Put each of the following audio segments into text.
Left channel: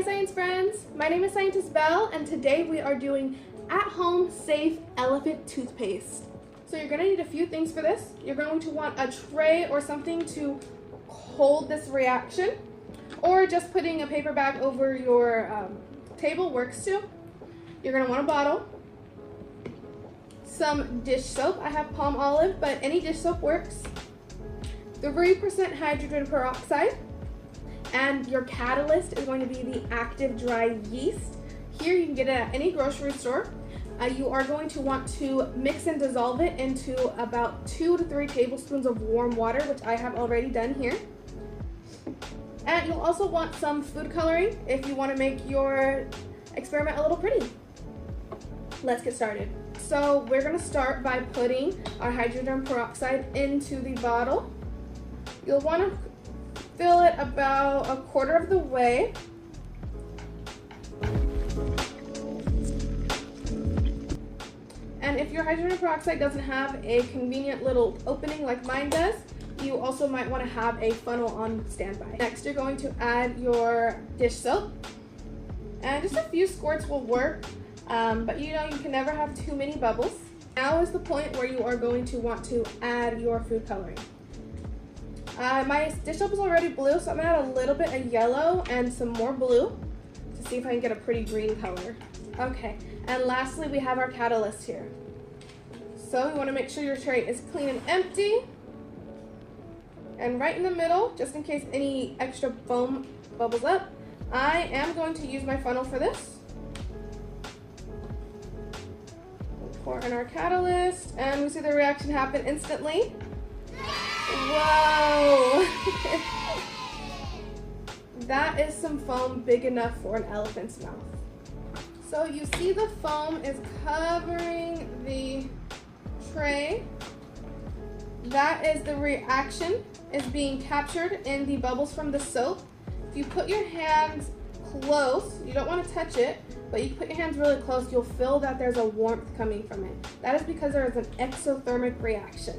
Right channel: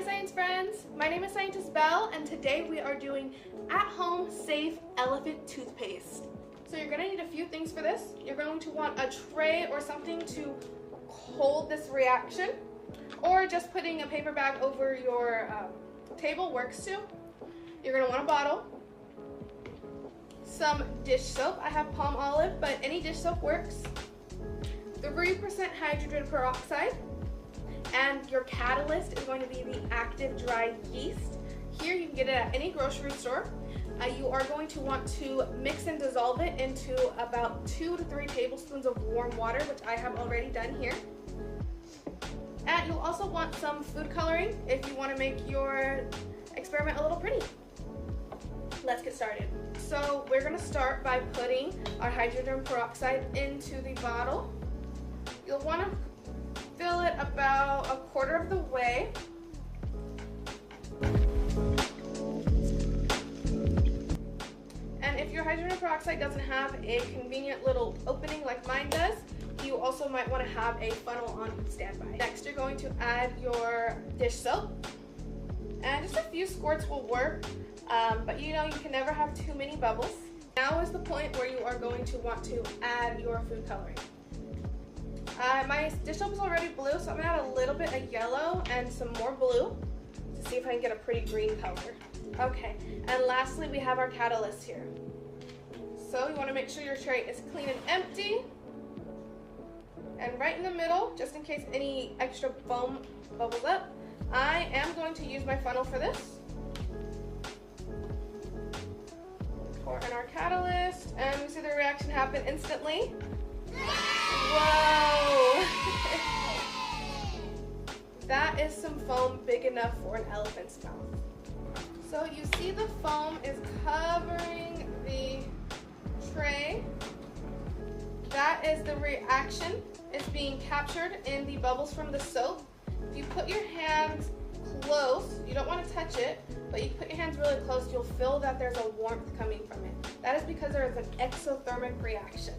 Hi science friends, my name is Scientist Belle and today we are doing at-home safe elephant toothpaste. So you're going to need a few things for this. You're going to want a tray or something to hold this reaction, or just putting a paper bag over your table works too. You're going to want a bottle, some dish soap. I have palm olive, but any dish soap works. 3% hydrogen peroxide. And your catalyst is going to be the active dry yeast. Here you can get it at any grocery store. You are going to want to mix and dissolve it into about 2 to 3 tablespoons of warm water, which I have already done here. And you'll also want some food coloring if you want to make your experiment a little pretty. Let's get started. So we're going to start by putting our hydrogen peroxide into the bottle. You'll want to fill it about 1/4 of the way. And if your hydrogen peroxide doesn't have a convenient little opening like mine does, you also might want to have a funnel on standby. Next, you're going to add your dish soap. And just a few squirts will work, but you know you can never have too many bubbles. Now is the point where you are going to want to add your food coloring. My dish soap is already blue, so I'm going to add a little bit of yellow and some more blue to see if I can get a pretty green color. Okay, and lastly we have our catalyst here. So you want to make sure your tray is clean and empty. And right in the middle, just in case any extra foam bubbles up, I am going to use my funnel for this. We'll pour in our catalyst, and we see the reaction happen instantly. Whoa! That is some foam big enough for an elephant's mouth. So you see the foam is covering the tray. That is the reaction is being captured in the bubbles from the soap. If you put your hands close, you don't want to touch it, but you put your hands really close, you'll feel that there's a warmth coming from it. That is because there is an exothermic reaction.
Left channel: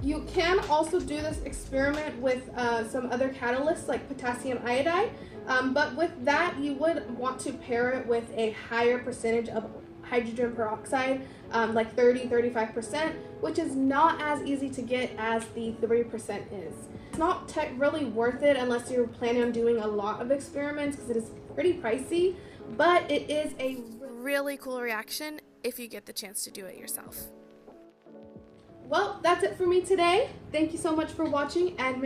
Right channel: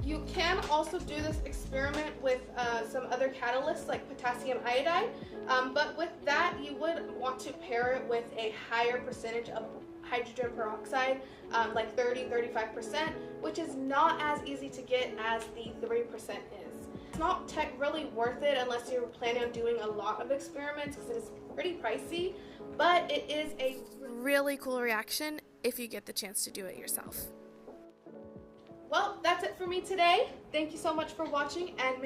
You can also do this experiment with some other catalysts like potassium iodide, but with that you would want to pair it with a higher percentage of hydrogen peroxide, like 30-35%, which is not as easy to get as the 3% is. It's not really worth it unless you're planning on doing a lot of experiments because it is pretty pricey, but it is a really cool reaction if you get the chance to do it yourself. Well, that's it for me today. Thank you so much for watching, and